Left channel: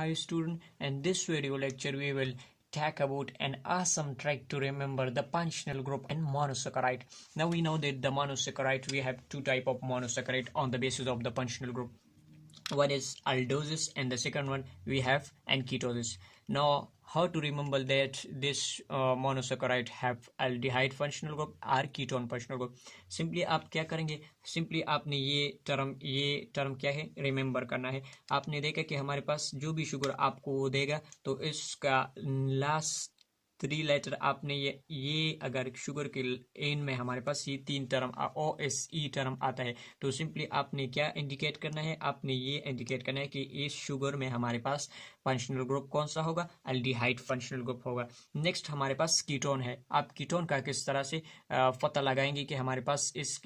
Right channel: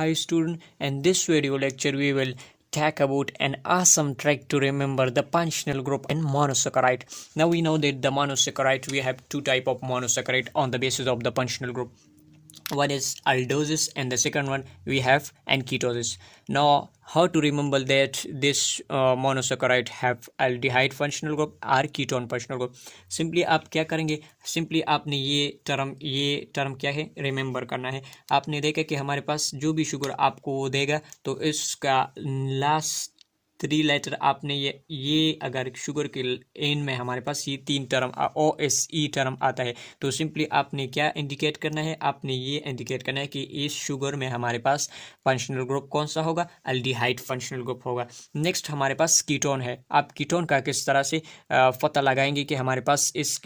Hi student, in this video lecture we will talk about an awesome trick to remember the functional group in monosaccharide. Now we know that the monosaccharide, we have two type of monosaccharide on the basis of the functional group. One is aldoses and the second one we have and ketosis. Now how to remember that this monosaccharide have aldehyde functional group or ketone functional group? Simply आप क्या करेंगे, simply आपने ये term क्या है remember करना है। आपने देखा कि हमारे पास जो भी शुगर आपको वो देगा तो इसका लास्ट 3 लेटर आपने ये अगर शुगर के एंड में हमारे पास ये 3 टर्म OSE टर्म आता है तो सिंपली आपने क्या इंडिकेट करना है, आपने ये इंडिकेट करना है कि इस शुगर में हमारे पास फंक्शनल ग्रुप कौन सा होगा, अल्डिहाइड फंक्शनल ग्रुप होगा। नेक्स्ट हमारे पास कीटोन है। आप कीटोन का किस तरह से पता लगाएंगे कि हमारे पास इस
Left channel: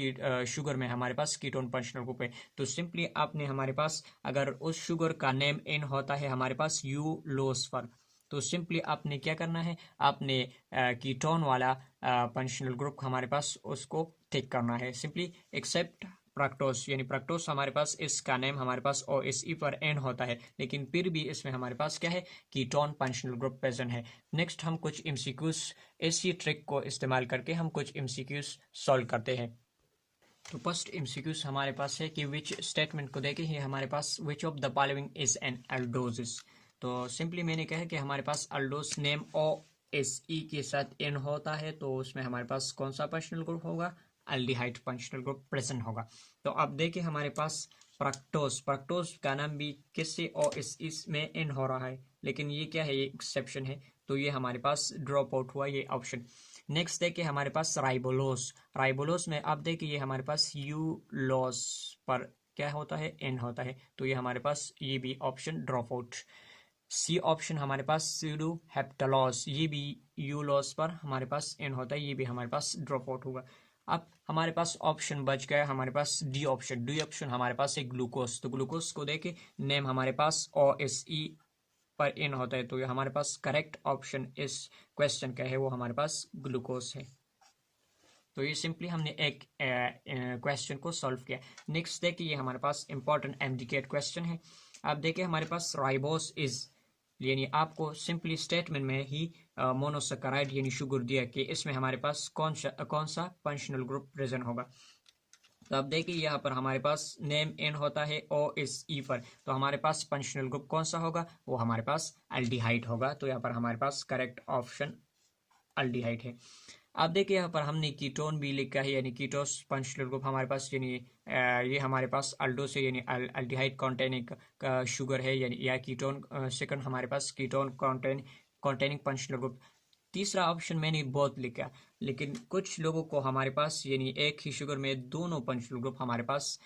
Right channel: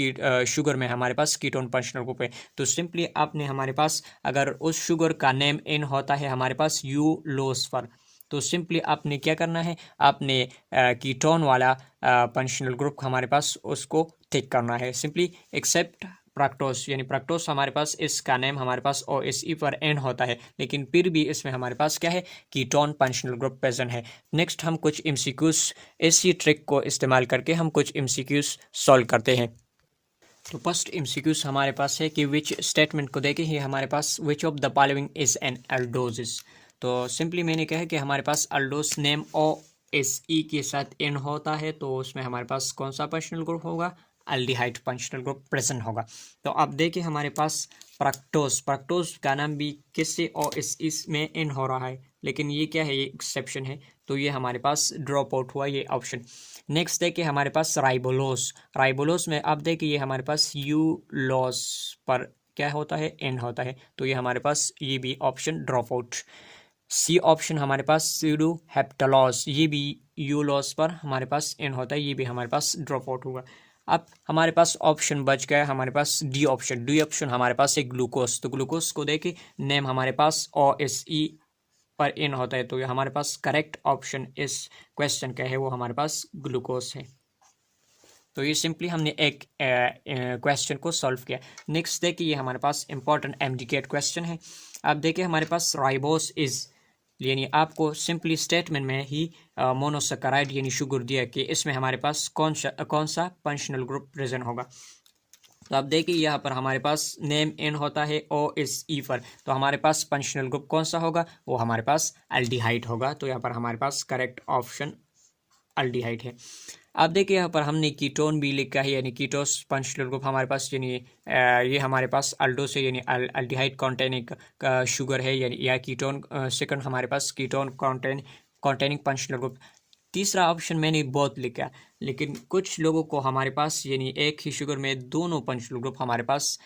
शुगर में हमारे पास कीटोन फंक्शनल ग्रुप है, तो सिंपली आपने हमारे पास अगर उस शुगर का नेम एन होता है हमारे पास यू लोस पर, तो सिंपली आपने क्या करना है, आपने कीटोन वाला फंक्शनल ग्रुप हमारे पास उसको टिक करना है। सिंपली एक्सेप्ट प्रैक्टोस, यानी प्रैक्टोस हमारे पास इसका नेम हमारे पास OSE पर एन होता है लेकिन फिर भी इसमें हमारे पास क्या है, कीटोन फंक्शनल ग्रुप प्रेजेंट है। नेक्स्ट हम कुछ MCQs इसी ट्रिक को इस्तेमाल करके हम कुछ MCQs सॉल्व करते हैं। तो फर्स्ट MCQs हमारे पास है कि विच स्टेटमेंट को देखे ही हमारे पास which of the following is an aldosis. तो सिंपली मैंने कहा कि हमारे पास अल्डोस नेम OSE के साथ एन होता है तो उसमें हमारे पास कौन सा फंक्शनल ग्रुप होगा, अल्डिहाइड फंक्शनल ग्रुप प्रेजेंट होगा। तो अब देखिए हमारे पास प्रैक्टोस का नाम भी किससे OSE में एन हो रहा है लेकिन ये क्या है, ये एक्सेप्शन है तो ये हमारे पास ड्रॉप आउट हुआ ये ऑप्शन। नेक्स्ट देखिए हमारे पास राइबोलोस में अब देखिए ये हमारे पास यू लॉस पर क्या होता है, एन होता है तो ये हमारे पास ये भी option drop out. C option हमारे पास सीडो हेप्टलॉस, ये भी यू लॉस पर हमारे पास एन होता है, ये भी हमारे पास ड्रॉप आउट होगा। अब हमारे पास ऑप्शन बच गया हमारे पास डी ऑप्शन हमारे पास है ग्लूकोज। तो ग्लूकोज को देखे नेम हमारे पास OSE पर एन होता है तो ये हमारे पास करेक्ट ऑप्शन इस क्वेश्चन का है वो हमारे पास ग्लूकोज है। तो ये सिंपली हमने एक क्वेश्चन को सॉल्व किया। नेक्स्ट देखिए ये हमारे पास इंपॉर्टेंट MCQ क्वेश्चन है। अब देखिए हमारे पास राइबोस इज, यानी आपको सिंपली स्टेटमेंट में ही मोनोसैकेराइड यानी शुगर दिया कि इसमें हमारे पास कौन सा फंक्शनल ग्रुप प्रेजेंट होगा। तो आप देखिए यहाँ पर हमारे पास नेम एन होता है OSE पर तो हमारे पास फंक्शनल ग्रुप कौन सा होगा, वो हमारे पास अल्डिहाइड होगा। तो यहाँ पर हमारे पास करेक्ट ऑप्शन अल्डिहाइड है। अब देखिए यहाँ पर हमने कीटोन भी लिखा है यानी कीटोस फंक्शनल ग्रुप हमारे पास, यानी ये हमारे पास अल्डोस है यानी अल्डिहाइड कॉन्टेनिंग शुगर है यानी या कीटोन। सेकंड हमारे पास कीटोन कॉन्टेनिंग फंक्शनल ग्रुप। तीसरा ऑप्शन मैंने बहुत लिखा लेकिन कुछ लोगों को हमारे पास यानी एक ही शुगर में दोनों फंक्शनल ग्रुप हमारे पास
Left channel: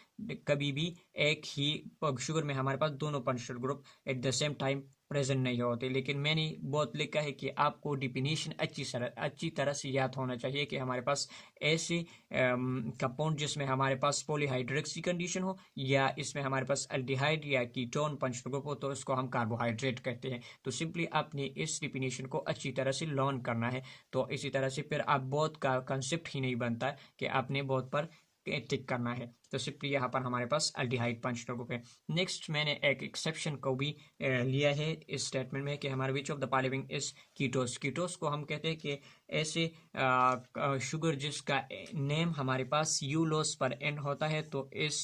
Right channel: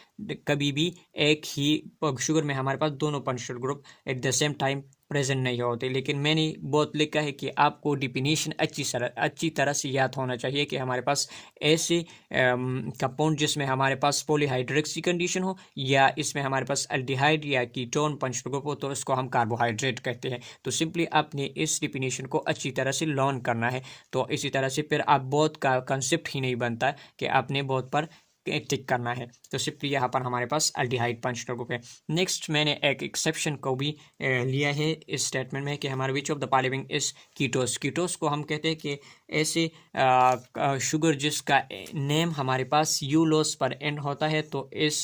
कभी भी एक ही शुगर में हमारे पास दोनों functional group at the same time present नहीं होते। लेकिन मैंने बहुत लिखा है कि आपको डिफिनीशन अच्छी तरह से याद होना चाहिए कि हमारे पास ऐसे कंपाउंड जिसमें हमारे पास पॉलीहाइड्रोक्सी कंडीशन हो या इसमें हमारे पास अल्डिहाइड या कीटोन फंक्शनल ग्रुप हो तो इसको हम कार्बोहाइड्रेट कहते हैं। तो सिंपली आपने इस डिफिनीशन को अच्छी तरह से लर्न करना है तो इसी तरह से फिर आप बहुत का कंसेप्ट ही नहीं बनता कि आपने बहुत पर टिक करना है। तो सिंपली यहाँ पर हमारे पास अल्डिहाइड फंक्शनल ग्रुप है। नेक्स्ट मैंने एक एक्सेप्शन को भी लिया है इस स्टेटमेंट में कि हमारे विच of the following is ketose को हम कहते हैं कि ऐसे शुगर जिसका नेम हमारे पास यू लोस पर एन होता है तो इस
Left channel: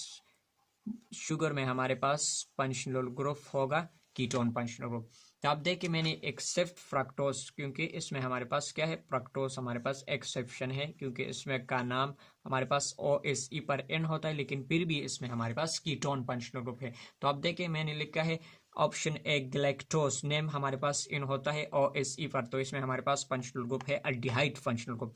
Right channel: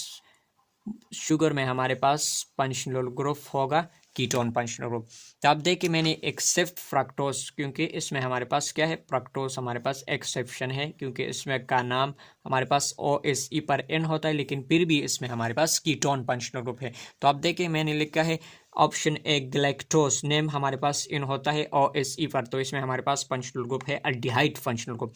शुगर में हमारे पास फंक्शनल ग्रुप होगा कीटोन फंक्शनल ग्रुप। तो आप देखिए मैंने एक्सेप्ट फ्रक्टोस, क्योंकि इसमें हमारे पास क्या है, फ्रक्टोस हमारे पास एक्सेप्शन है क्योंकि इसमें का नाम हमारे पास OSE पर एन होता है लेकिन फिर भी इसमें हमारे पास कीटोन फंक्शनल ग्रुप है। तो आप देखिए मैंने लिखा है ऑप्शन ए गैलेक्टोस, नेम हमारे पास इन होता है OSE पर तो इसमें हमारे पास फंक्शनल ग्रुप है अल्डिहाइड फंक्शनल ग्रुप।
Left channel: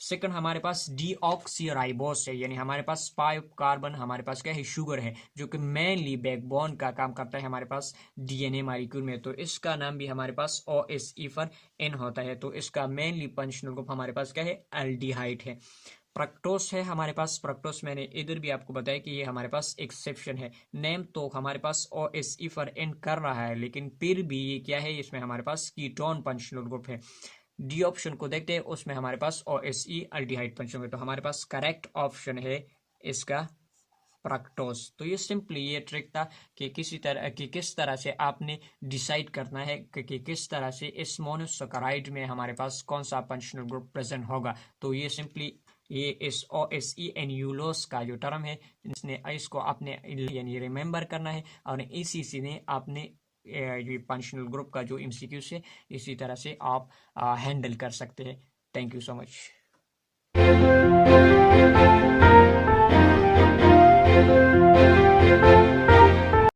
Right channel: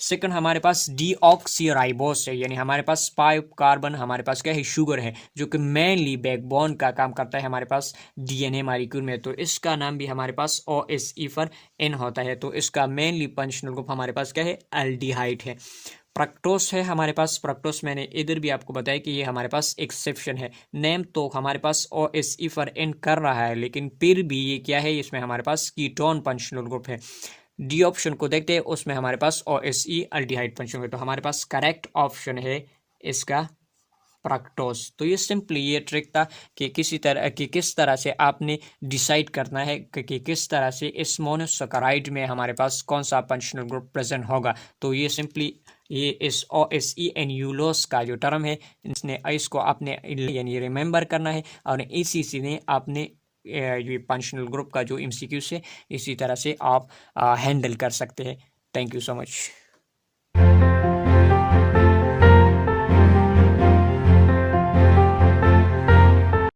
सेकंड हमारे पास डीऑक्सीराइबोस है यानी हमारे पास 5 कार्बन हमारे पास क्या है, शुगर है जो कि मेनली बैकबोन का काम करता है हमारे पास DNA मॉलिक्यूल में। तो इसका नाम भी हमारे पास OSE पर एन होता है तो इसका मेनली फंक्शनल ग्रुप हमारे पास क्या है, अल्डिहाइड है। प्रक्टोस है हमारे पास, प्रक्टोस मैंने इधर भी आपको बताया कि ये हमारे पास एक्सेप्शन है। नेम तो हमारे पास OSE पर एन कर रहा है लेकिन फिर भी ये क्या है, इसमें हमारे पास कीटोन फंक्शनल ग्रुप है। डी ऑप्शन को देखते हैं उसमें हमारे पास OSE अल्डिहाइड फंक्शनल ग्रुप, तो हमारे पास करेक्ट ऑप्शन है इसका फ्रक्टोज। तो ये सिंपली ये ट्रिक था कि किस तरह से आपने डिसाइड करना है कि किस तरह से इस मोनोसैकेराइड में हमारे पास कौन सा फंक्शनल ग्रुप प्रेजेंट होगा। तो ये सिंपली ये इस OSE यूलोस का जो टर्म है, इसको आपने यानी रिमेंबर करना है और इसी से ने आपने ये फंक्शनल ग्रुप का जो MCQ से इसी तरह से आप हैंडल कर सकते हैं। Thank you so much.